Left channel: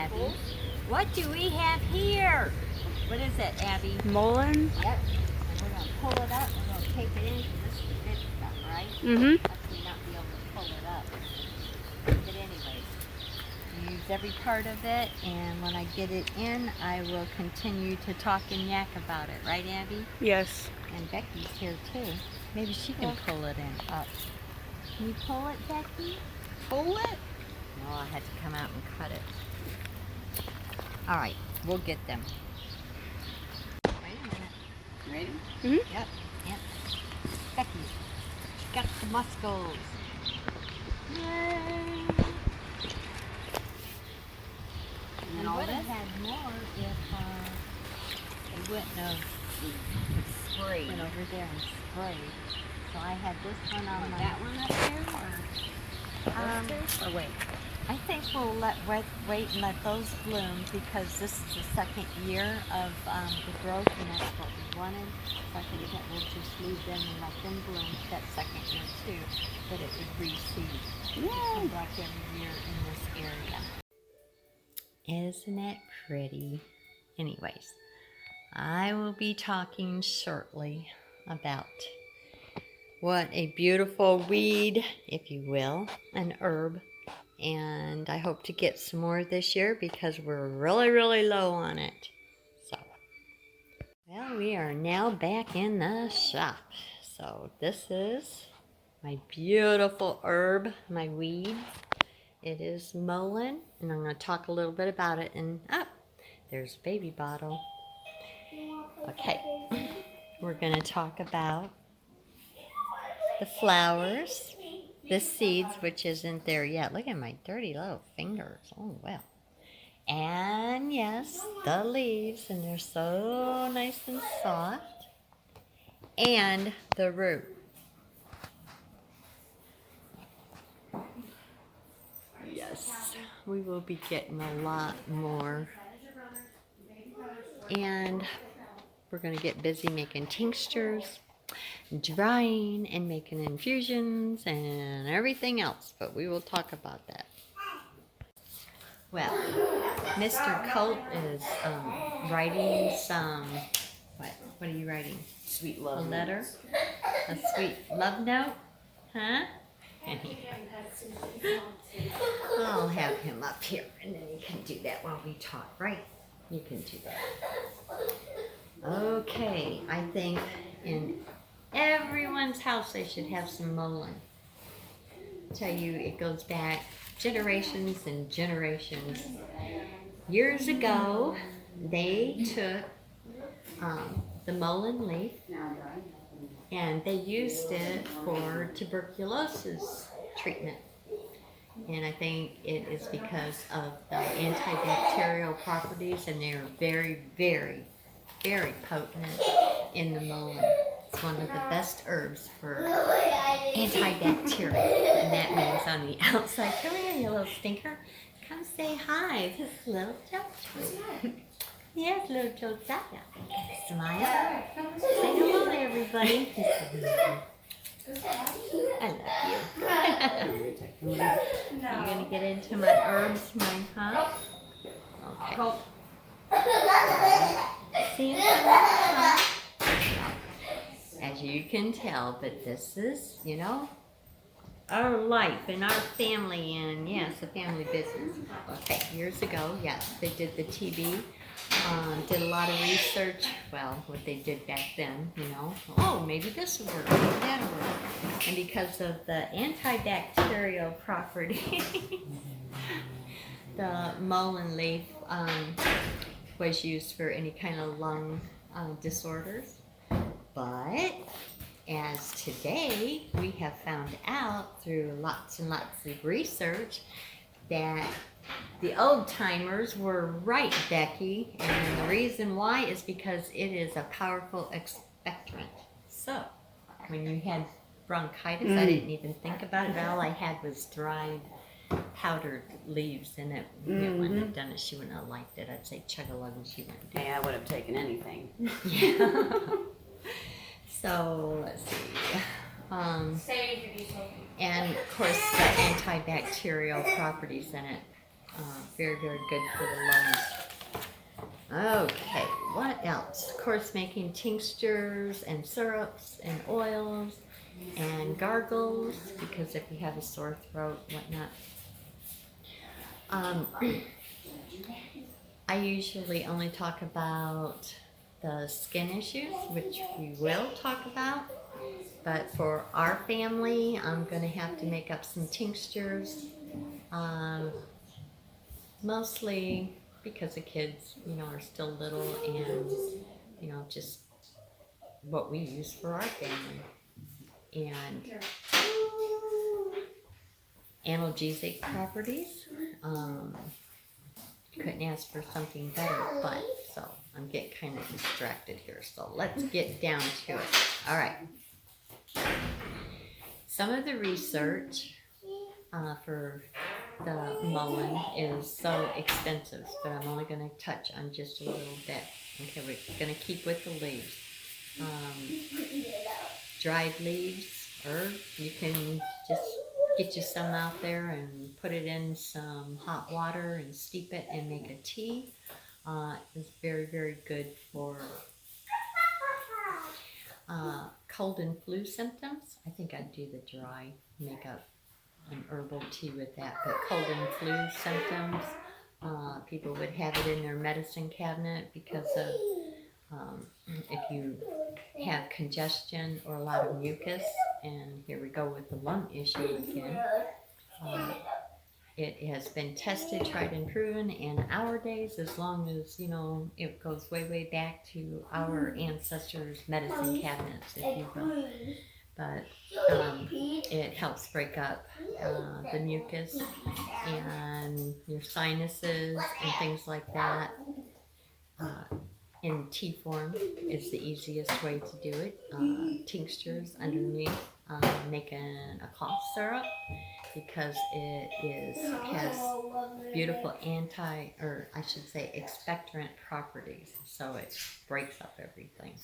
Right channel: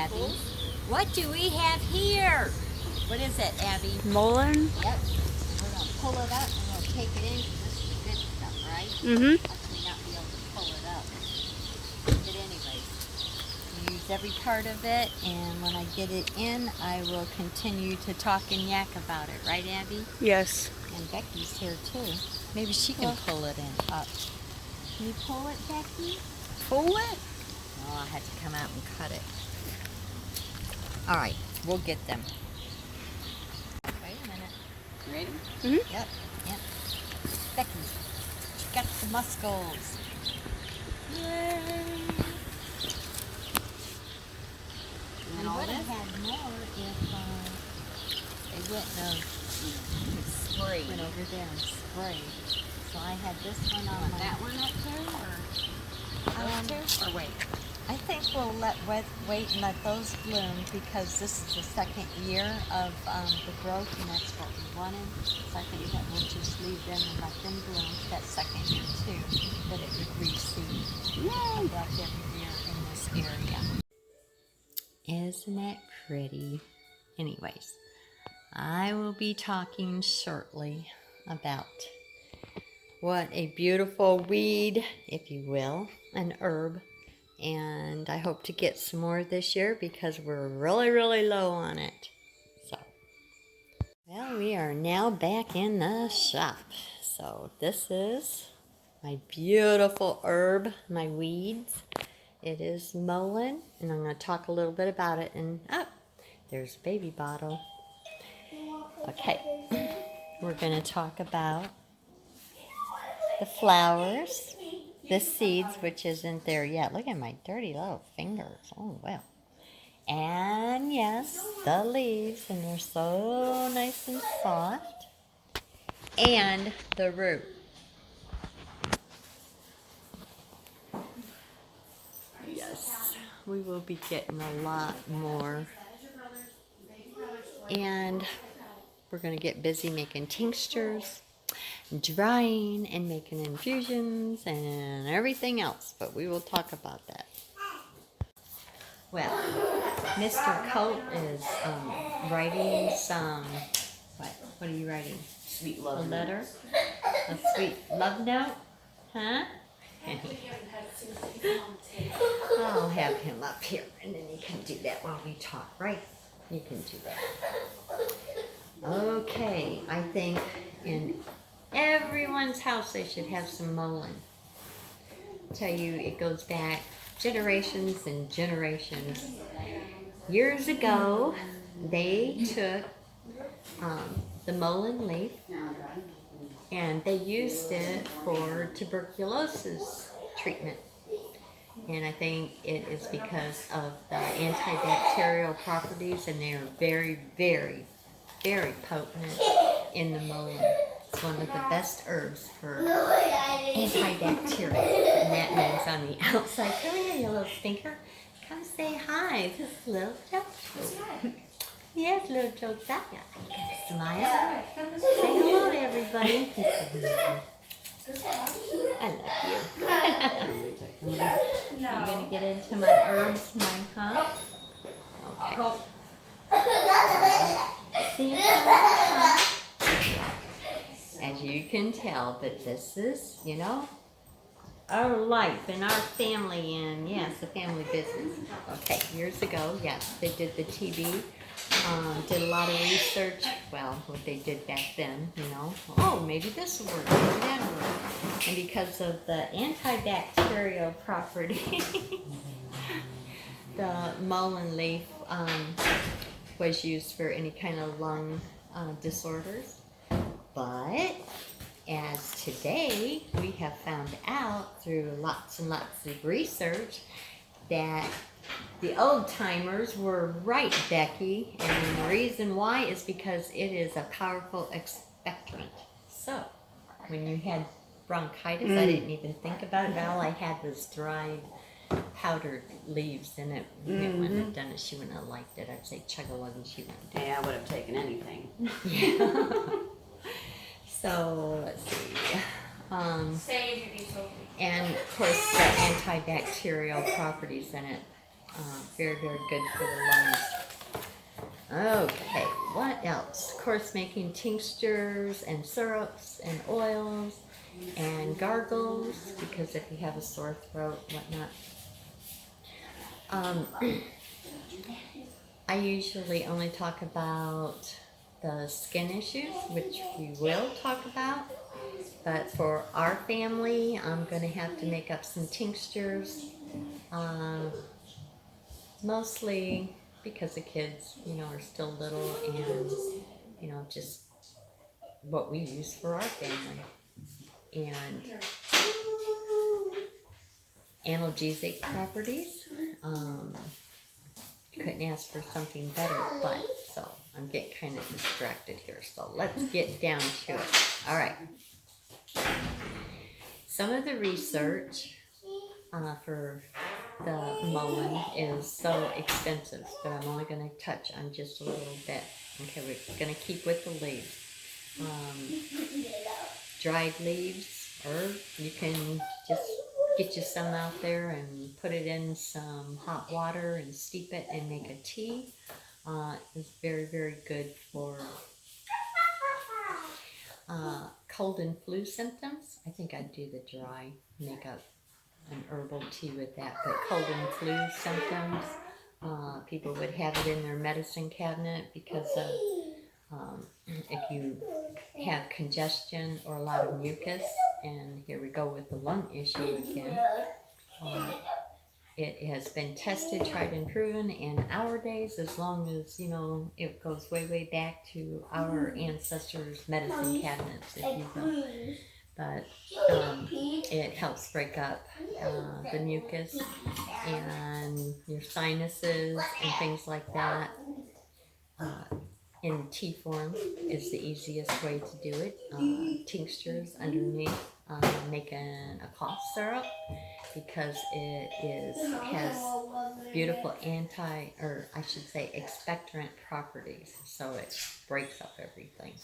Abby. What do we have here? What is it, Abby? Mullein? Yep. And we're going to pull it up. We're going to take it in because this is the good stuff, right? Mm-hmm. Watch me not be able to pull it up. But anyways, we use every part of it, and when I get it in, I will continue to talk and yak about it. Right, Abby? Yes. And Becky's here, too. Maybe she can pull it in up. Can you pull it, Becky? Pull it? No, I had to come out and cut it. All right, we'll get them. Wait a minute. Ready? Mm-hmm. Yep. Becky, got the muscles. Yay! And then We all would have this? had more if they wouldn't have Spray. went over there and sprayed. So I had this one on Want my... that one up there, or those two? Or wait. I think we'll wait and let those bloom because this is the second year of the growth, and that's what we wanted. So I think that we'll just leave them and let them bloom that second year too, that it would reseed. Yay! Come back every year in this area. Isn't that pretty? Anyways, I will be talking shortly about what a beautiful weed, if you will, an herb. And I hope to get some more this year because we're really, really low on it. So, well, we are now back in the shop. So this is my beautiful herb, my weeds. It is mullein, and I'm going to talk a little bit about it. And there's a baby bottle. Okay, we're going to talk about the flowers. The seeds, which isn't there yet. Look at my dirty little fingers. Oh, well. And yes, the leaves, and they're so nice and soft. And the root. Yes, we will be getting a lot more. And we're going to get busy making tinctures, drying, and making infusions and everything else, but we will talk about that. Well, Mr. Colt is writing some, what are you writing? Sweet love. A letter? A sweet love note? Huh? I'll have him up here, and then you can do that while we talk, right? You can do that. Okay, I think in everyone's house they should have some mullein. Tell you, it goes back generations and generations. Years ago, they took the mullein leaf and they used it for tuberculosis treatment. And I think it is because of the antibacterial properties, and they are very, very, very potent in the mullein. It's one of the best herbs for antibacterial, and that means on the outside. Come here, you little stinker. Come say hi. This is little Joe. Yes, little Josiah. Smile. Say hello to everybody. I love you. I'm going to get into my herbs, huh? Okay. See you next time. As you can tell, but this is, our life and our family, and yes, the family business. Okay, years ago, yes, they did the TB, did a lot of research, well, what they did back then, oh, maybe this will work, maybe that'll work. And because of the antibacterial property, the mullein leaf was used for any kind of lung disorders. But as today, we have found out through lots and lots of research that the old timers were right, Becky, and the reason why is because it is a powerful expectorant. So, when we had bronchitis, I didn't even think about it. All I had was dried powdered leaves, and it wouldn't have done it. She wouldn't have liked it. I'd say chug-a-lug, and she wouldn't do it. Yeah, I would have taken anything. Yeah. So, let's see. And, of course, the antibacterial properties in it Very, very good for the lungs. Okay, what else? Of course, making tinctures and syrups and oils and gargles, because if you have a sore throat, whatnot. I usually only talk about the skin issues, which we will talk about. But for our family, I'm going to have to make up some tinctures, mostly because the kids, are still little, and, just what we use for our family. And analgesic properties. Couldn't ask for something better, but so I'm getting kind of distracted here. So let's get down to it. All right. Some of the research for the Mullein is so extensive, but I'm only going to touch on just a little bit. Okay, we're going to keep with the leaves. Dried leaves, herbs, you can just get you some out there and put it in some hot water and steep it and make a tea. It's very, very good for cold and flu symptoms. I think I'd do the dry, make up an herbal tea with that. But cold and flu symptoms, people would have it in their medicine cabinet because of if you have congestion or a lot of mucus, and here we go with the lung issue again. It has been tested, tried, and proven in our days, as long as, it goes way, way back to our ancestors' medicine cabinets, if you will. But it helps break up the mucus and your sinuses and things like that. In tea form is the easiest way to do it. Tinctures underneath, making a cough syrup, because it has beautiful expectorant properties, so it breaks up everything.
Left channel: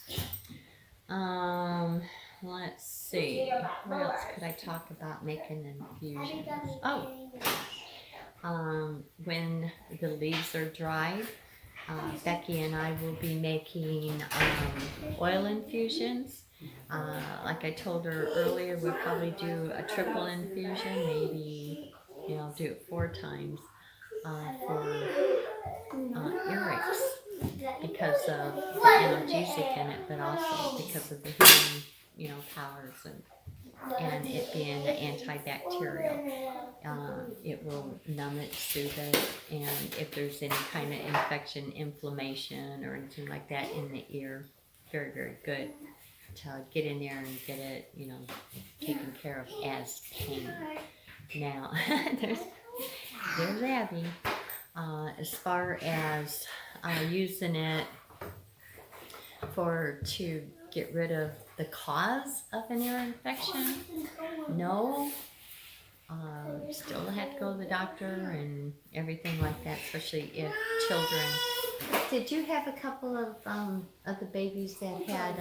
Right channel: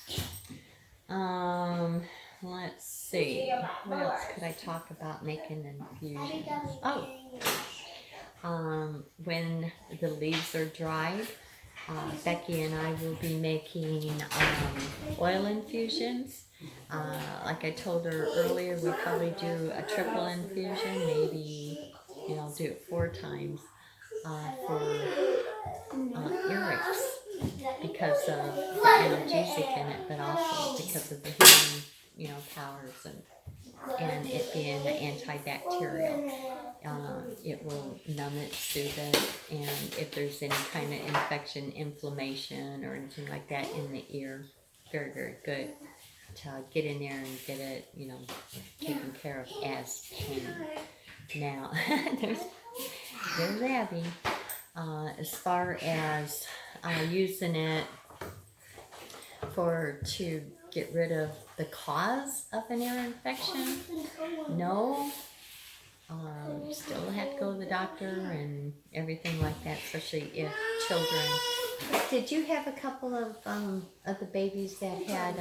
Let's see, what else could I talk about making infusions? When the leaves are dried, Becky and I will be making oil infusions. Like I told her earlier, we'll probably do a triple infusion, maybe, do it 4 times for earaches, because of the analgesic in it, but also because of the healing, powers and it being antibacterial. It will numb it, soothe it, and if there's any kind of infection, inflammation, or anything like that in the ear, very, very good to get in there and get it, taken care of as pain. Now, there's Abby. As far as using it to get rid of the cause of an ear infection, no. Still have to go to the doctor and everything like that, especially if children. Did you have a couple of the babies that had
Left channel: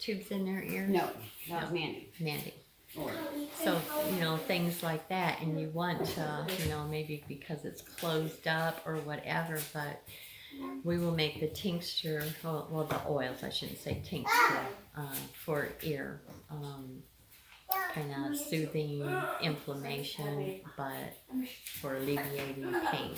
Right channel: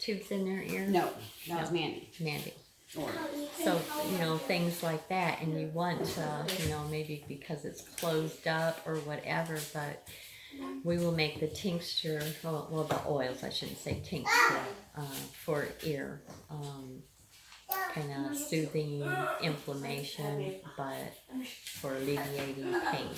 tubes in their ears? No, that was Mandy. So, things like that, and you want to, maybe because it's closed up or whatever, but we will make the tincture, well, the oils, I shouldn't say tincture, for ear, kind of soothing inflammation, but for alleviating pain.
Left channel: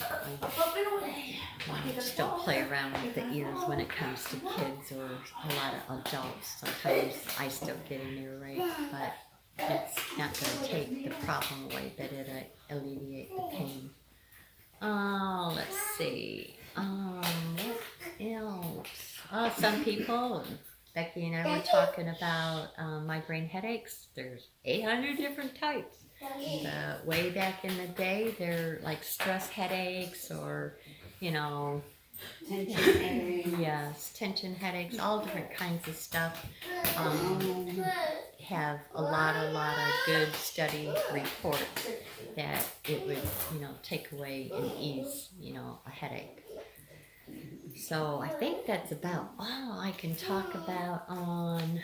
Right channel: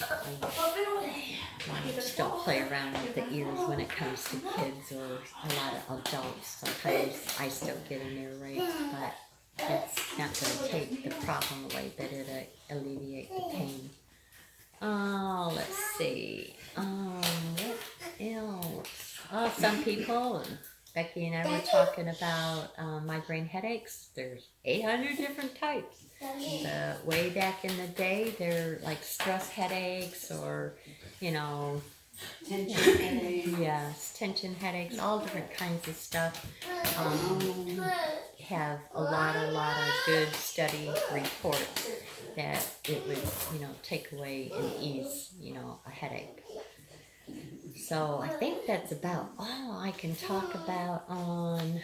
Just don't play around with the ears when it comes to kids or a lot of adults. Sometimes I still get in there, right? But it's not going to take the problem away, but it'll alleviate the pain. Oh, let's see. What else? Some people, Becky and I were talking about migraine headaches. There's 800 different types. Way back in the day, they're like stress headaches or, Tension headaches. Yes, tension headaches, all different kinds of stuff. Have a lot of good study reports that it would, take away and ease, a headache. So I think that's about all I can talk about on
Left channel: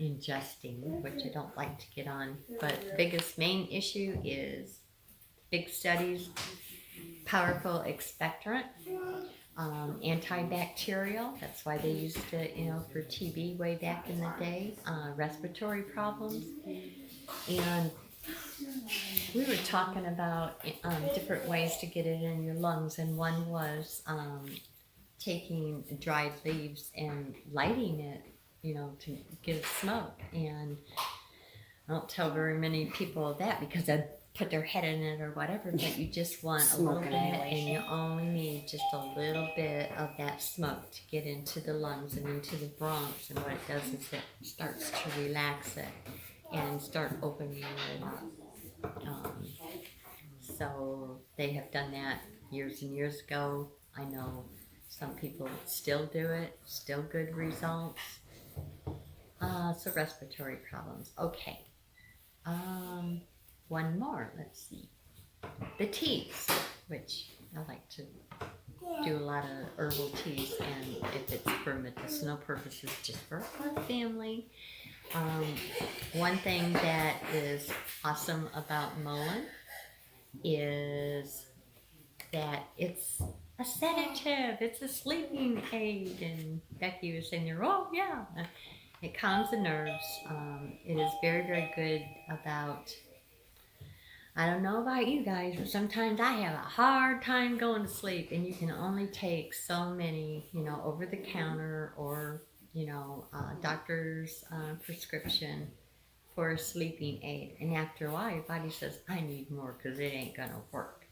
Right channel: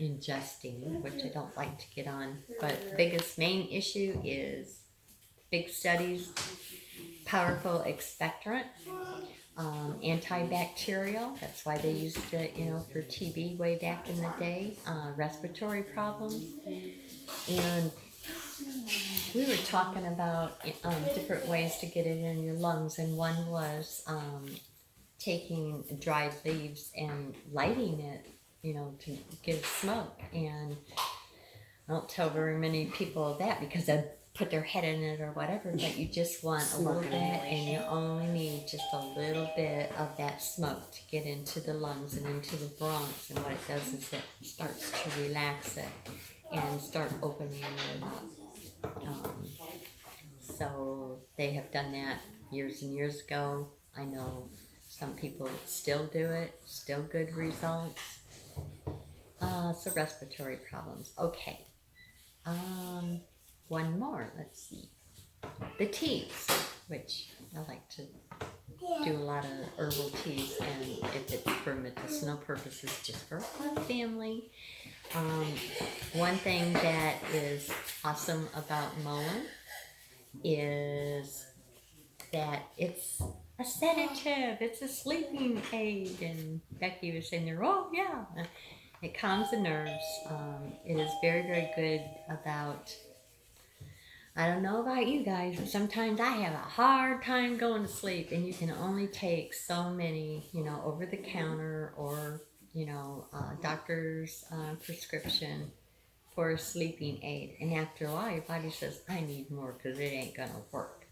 ingesting, which I don't like to get on. But the biggest main issue is big studies, powerful expectorant, antibacterial. That's why they used it, for TB way back in the day, respiratory problems. And we were talking about different ways to get it in your lungs, and one was taking dried leaves and lighting it, to get smoke. And I don't tell very many people that because they put their head in it or whatever, but you just want a little bit, and you only need just a little bit of that smoke to get into the lungs and into the bronchs. And what it does is it starts to relax it and start opening it up. So they have done that years and years ago. I know some people still do it, still good results. So respiratory problems. Okay. One more. Let's see. The teas, which I like to do a lot of herbal teas, and if it's for medicinal purposes, just for our family. One thing that is awesome about Mullein is that it's a sedative, it's a sleeping aid. And Becky was saying, oh yeah, it calms the nerves. It is very, very good about, I don't know about you guys, but sometimes I have a hard time going to sleep, and you can only take so many, over the counter or, doctor's prescription for a sleeping aid. And after a while, your body says, I need more because it ain't going to work.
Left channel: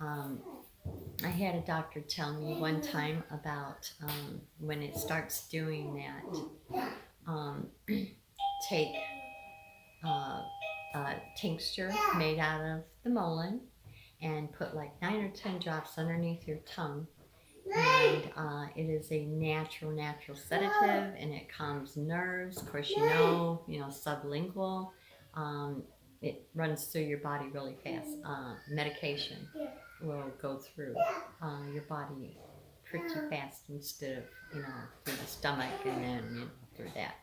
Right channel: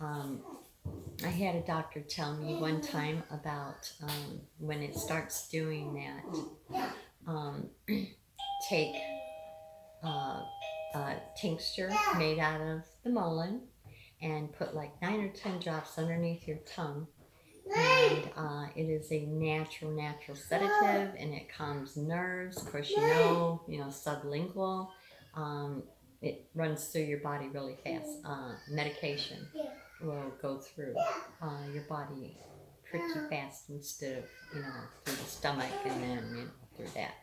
I had a doctor tell me one time about when it starts doing that, take a tincture made out of the mullein and put like 9 or 10 drops underneath your tongue. And it is a natural sedative, and it calms nerves. Of course, sublingual. It runs through your body really fast. Medication will go through your body pretty fast instead of, through the stomach and then, through that.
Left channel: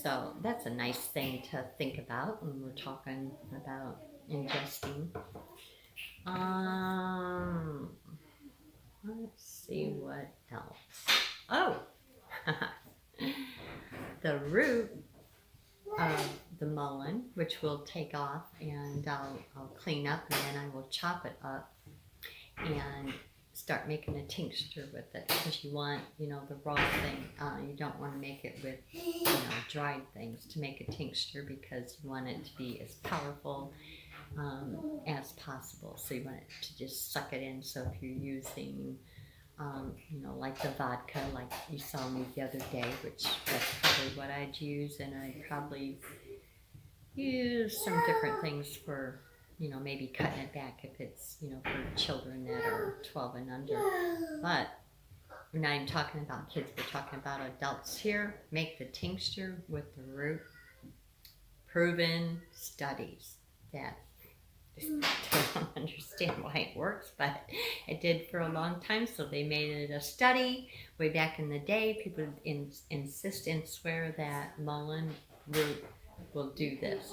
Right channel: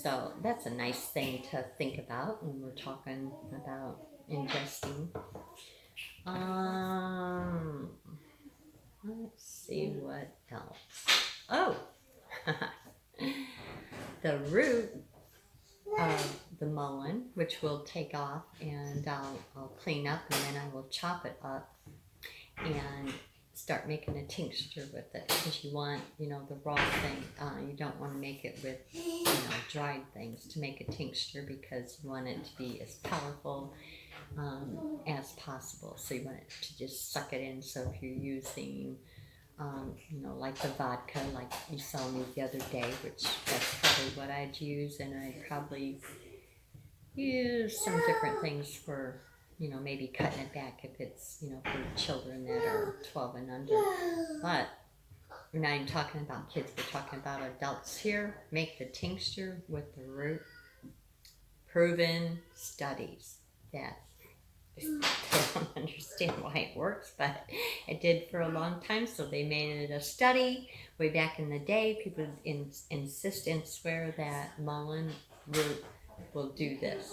So that's a nice thing to think about when we're talking about ingesting. Let's see what else. Oh, the root of the mullein, which we'll take off, and I'll clean up, and then I will chop it up and start making a tincture with it, because you want, the raw thing. You don't want to make it with, dried things to make a tincture, because you want it to be as powerful as possible. So you want it to just suck it in. So if you're using, like the vodka, like you saw me the other day, which that's probably what I'd use, and I'd probably use some different things for, maybe cutting it back if it's, for children that are 12 and under. But we're not even talking about kids, we're talking about adults here. Make the tincture with the root. Proven studies that I don't understand why it works, but it did for a long time. So they made it a study way back in the day. People insist and swear that mullein root will do this.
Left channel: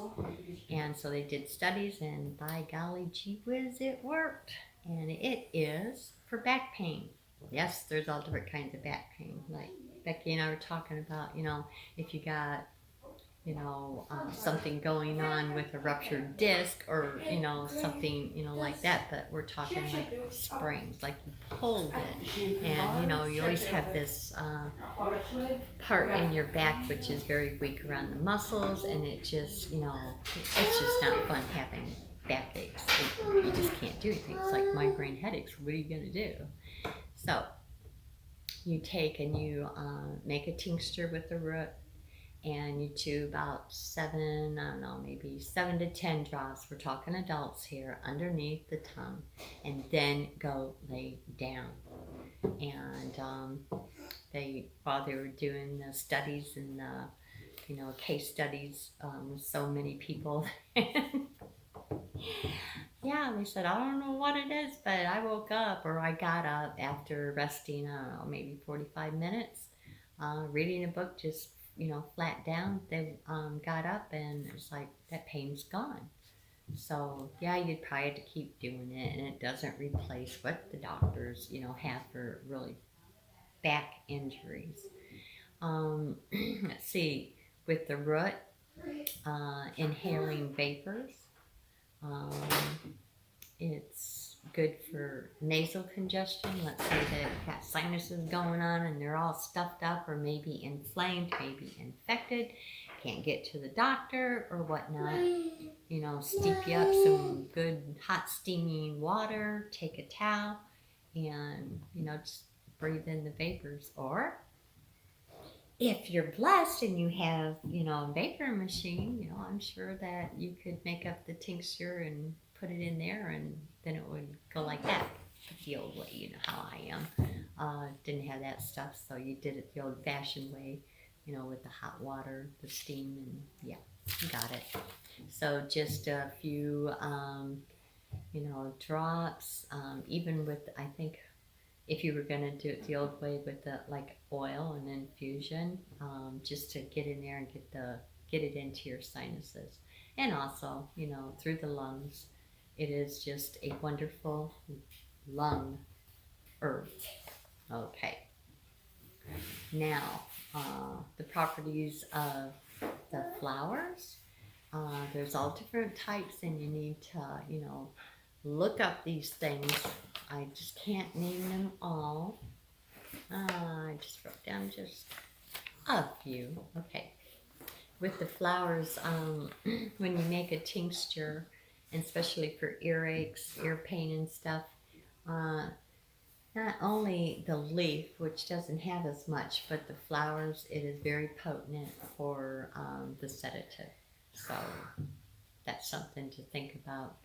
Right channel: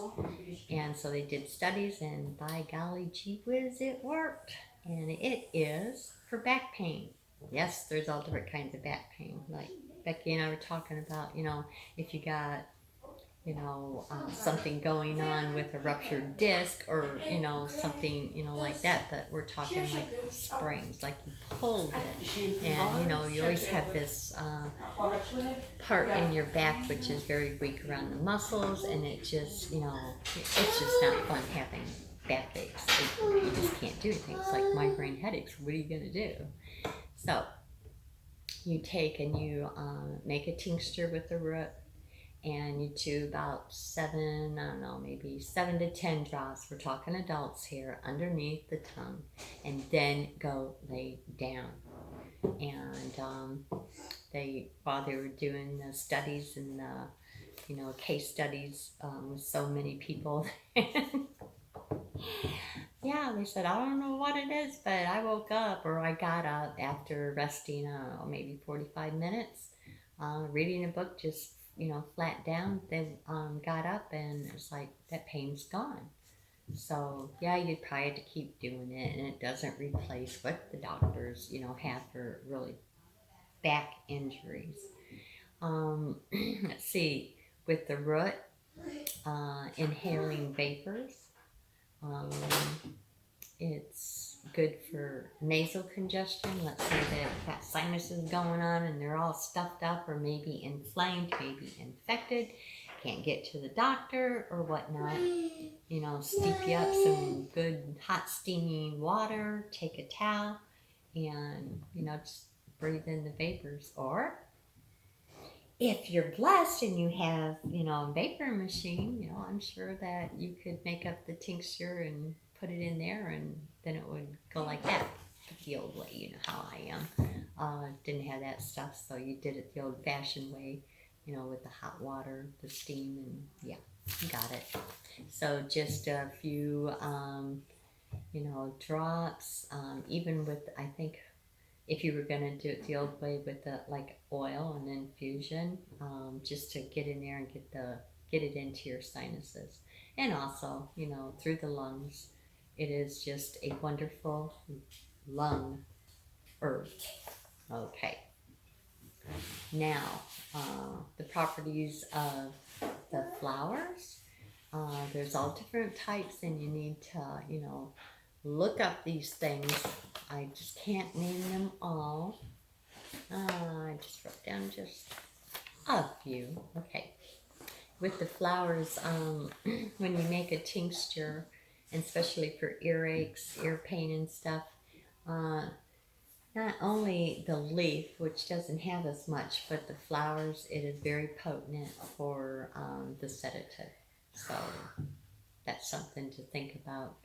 And so they did studies, and by golly gee whiz, it worked. And it is for back pain. Yes, there's all different kinds of back pain. Like Becky and I were talking about, if you got, something going on with a ruptured disc, or, something, like that. But we're talking like sprains, like you pulled it. And, you always have this part in your back which is very weak around the muscles, and it just, it's just not fun having back aches. You just can't do anything. It's like migraine headaches. What are you going to do? So you take and you make a tincture with the root, and you chew about 7 to 10 drops. We're talking adults here, underneath the tongue, and then go lay down. And while they were doing the studies and the case studies with so many people, yeah, they said, I don't know what it is, but I woke up, or I got up after resting, maybe 45 minutes, reading a book, just flat down. They got up, and it's like that pain's gone. So yeah, you'd probably have to keep doing it, and it doesn't replace what the doctors, have for really back injuries. Let's see, with the root, inhaling vapors. Um, it's good for nasal congestion. Let's say that you've got sinuses going on and they're all stuffed up or maybe inflamed, maybe infected. Can't get to the doctor or whatnot. Steep you up some good hot steaming water, take a towel, and, just breathe in the vapors. Or if you're blessed and you have, a vapor machine, I'm sure that you could make up the tincture and put it in there, and then it would go like that. The old way, you know how I am. Didn't have that stuff, so you did it the old-fashioned way, with the hot water, the steam, and yeah, you got it. So just a few, drops, even with, I think, if you were going to do it the old way with the like oil and infusion, just to get in there and get it into your sinuses, and also through the lungs. It is just a wonderful lung herb. Okay, now the properties of the flowers. There's all different types, and you need to look up these things. I just can't name them all. I just wrote down just a few. Okay. With the flowers, when you make a tincture, and especially for earaches, ear pain and stuff, not only the leaf, which doesn't have as much, but the flowers, it is very potent for the sedative. So that's something to think about.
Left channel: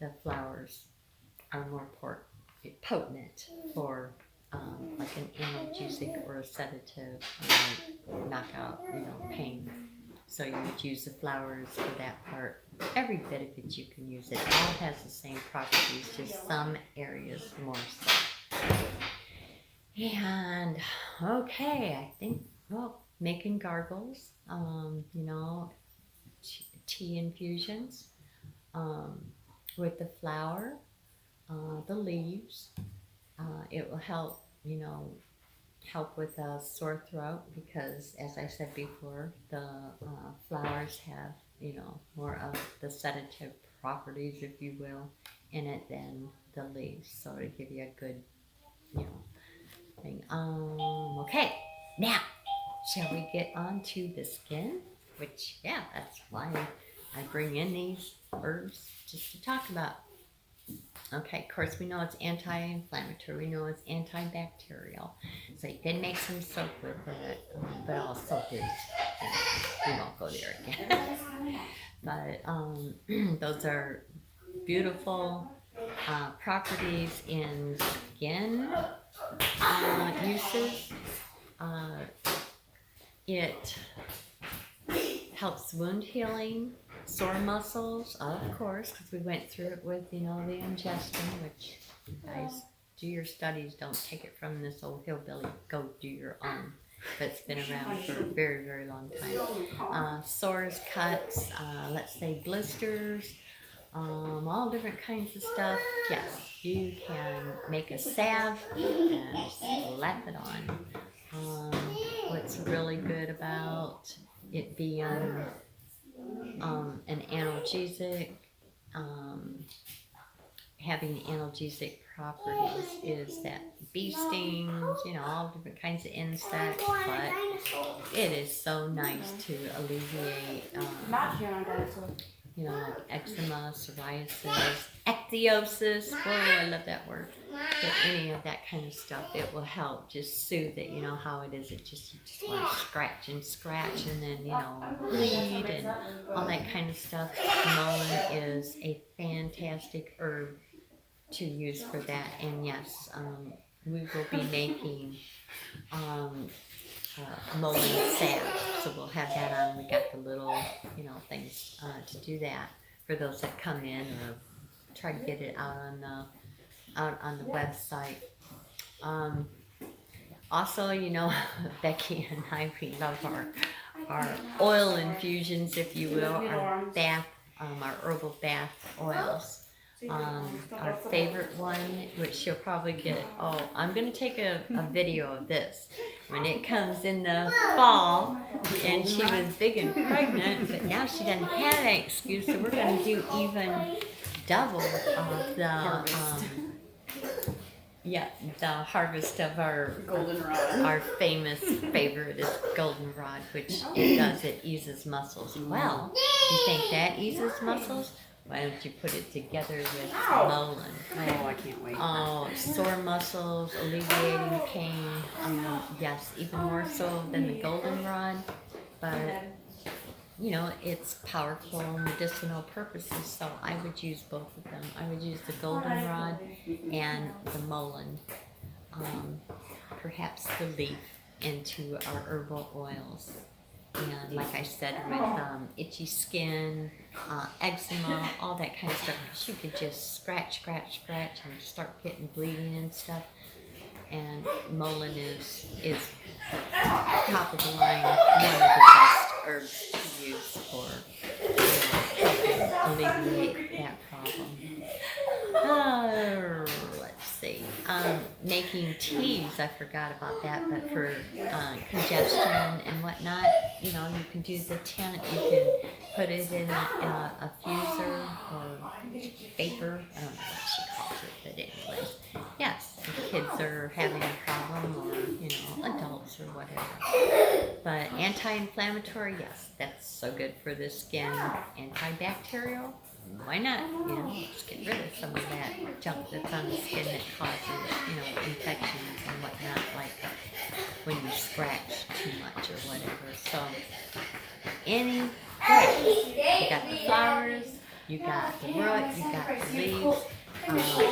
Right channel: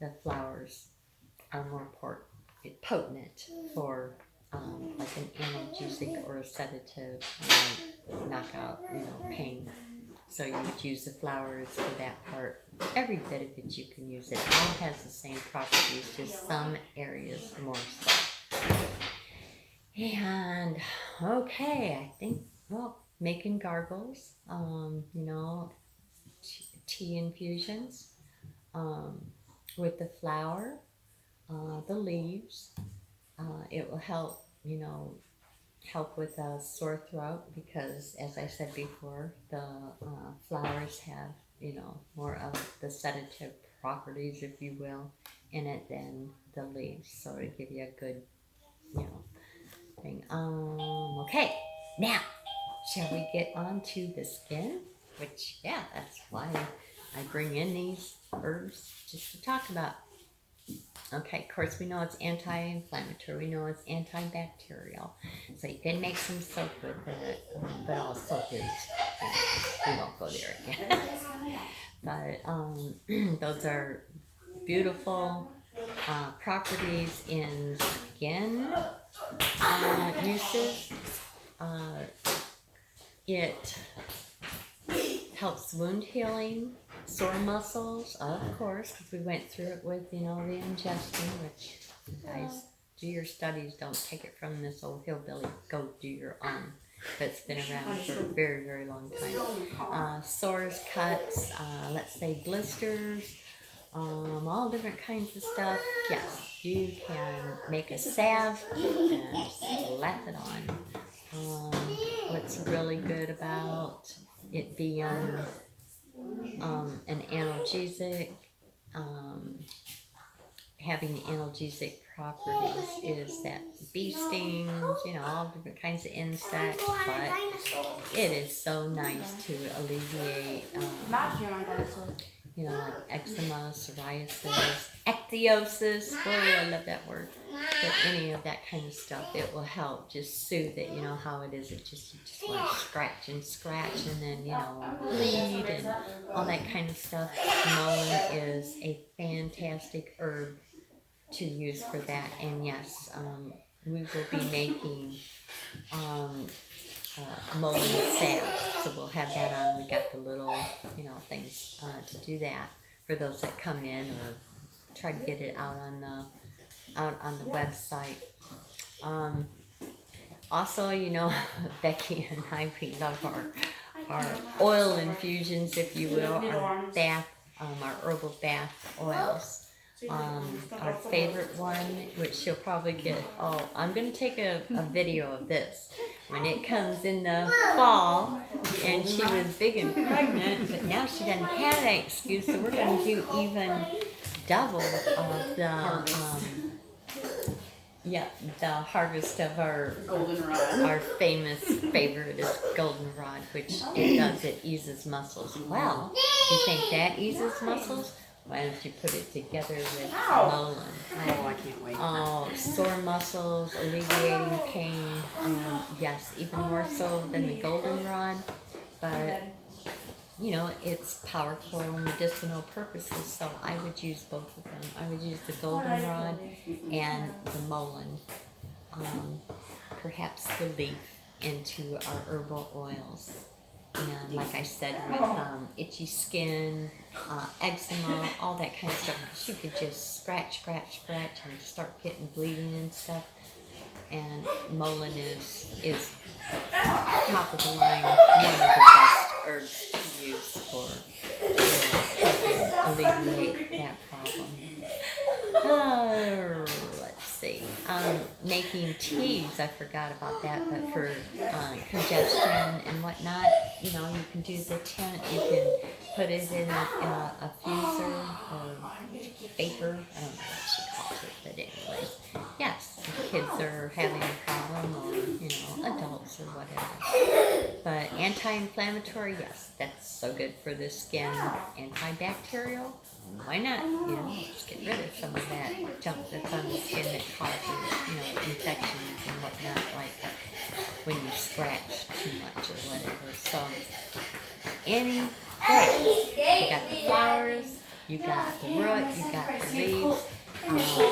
The flowers are more potent for like an analgesic or a sedative, knock out pain. So you would use the flowers for that part. Every bit of it you can use. It all has the same properties, just some areas more so. And okay, I think, making gargles, tea infusions, with the flower, the leaves. It will help, help with a sore throat, because, as I said before, the flowers have, more of the sedative properties, if you will, in it than the leaves. So it'll give you a good, thing. Okay, now, shall we get on to the skin? Which, yeah, that's why I bring in these herbs just to talk about. Okay, of course, we know it's anti-inflammatory. We know it's antibacterial. So you can make some soap with it, but all soap is, we won't go there again. But those are beautiful properties in skin uses. It helps wound healing. Sore muscles, of course, because we went through it with, the ingestion, which, you guys, do your studies, don't take it from this old hillbilly, go do your own. But it's been around for a very, very long time. Sores, cuts, let's say blisters, all different kinds of stuff. Yes, you can make a salve and slap it on. What's really good about it being an analgesic, having analgesic properties, is that bee stings, all different kinds of insects, but it is so nice to alleviate, eczema, psoriasis, ichthyosis, I love that word. But any of that kind of stuff, it will help just soothe it. You know how it is. You just want to scratch and then, bleed and all that kind of stuff. Mullein is a fantastic herb to use for that. And yes, we will be making mullein salve. So we'll have that on. We got the little, things to do that for those that come in, or try to get it out on the website. Also, Becky and I, we love our oil infusions, if you will, our bath, our herbal bath oils. Our favorite one, which you'll probably get, I'm going to take a video of this when it comes in the fall, and she was big and pregnant, but now she doesn't have that excuse, so we're going to do even double of the harvest of our goldenrod. Our famous favorite is goldenrod, which it eases muscles. Well, you think that eases muscles? Why don't you put it together with Mullein? Oh, I can't wait. Oh, sore muscles, alleviating pain. Yes, even more so than the goldenrod, but you know, it's powerful medicinal purposes, so I would use both of them. I would use the goldenrod and the Mullein, perhaps the leaf, into our herbal oils. And like I said, with itchy skin, eczema, all that kind of stuff, she could just scratch and start getting bleeding and stuff. And Mullein is top of the line, one of the best herbs to use for helping alleviate that problem. Let's see. Making teas, I forgot about that, but for congestion and whatnot, you know, you can do the tent, you can put it in a freezer or paper, I don't know what she calls it, but anyways, yes, if kids are having a problem, or, you know, adults or whatever. But anti-inflammatory, yes, that's so good for the skin. Antibacterial, why not? You know, let's get rid of some of that junk that's on the skin that causes, you know, infections and whatnot, like when you scratch too much or whatever. So, you got the flowers, you got the root, you got the leaves.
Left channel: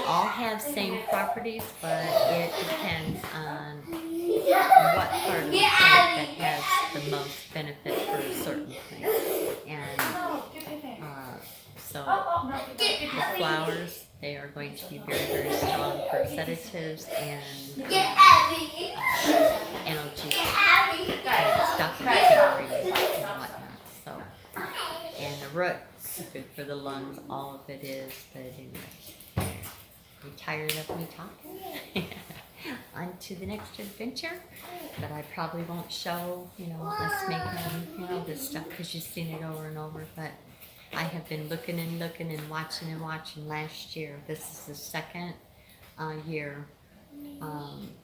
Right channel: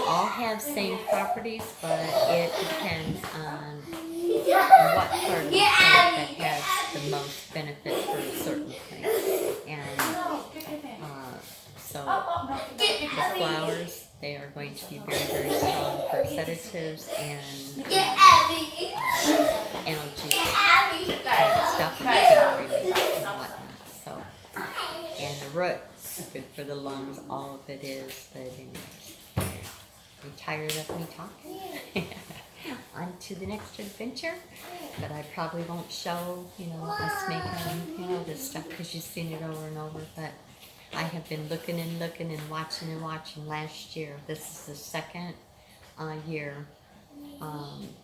All have same properties, but it depends on what part of the plant that has the most benefit for a certain plant. And so the flowers, they are going to be very, very strong for sedatives and analgesic stuff and whatnot. So, and the roots, good for the lungs, all of it is. But anyways, I'm tired of me talking. On to the next adventure, but I probably won't show, you know, us making, you know, this stuff because you've seen it over and over. But I have been looking and watching last year. This is the second year. I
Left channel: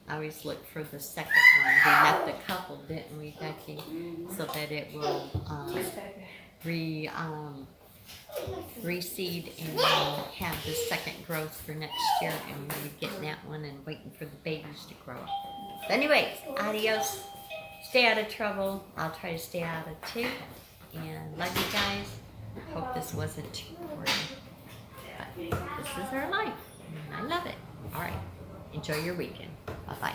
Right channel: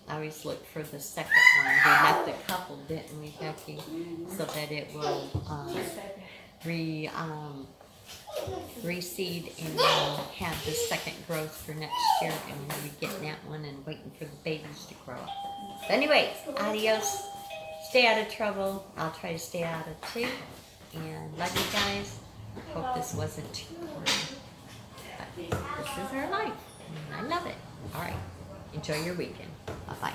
always look for the second one. We left a couple, didn't we, Becky? So that it will reseed and have the second growth for next year, and we'll be getting that one and waiting for the babies to grow. But anyways, adios. Stay out of trouble. I'll try to stay out of too. And love you guys. Hope this wasn't too boring. But this is our life. And I love it. Alright. Enjoy your weekend. Bye-bye.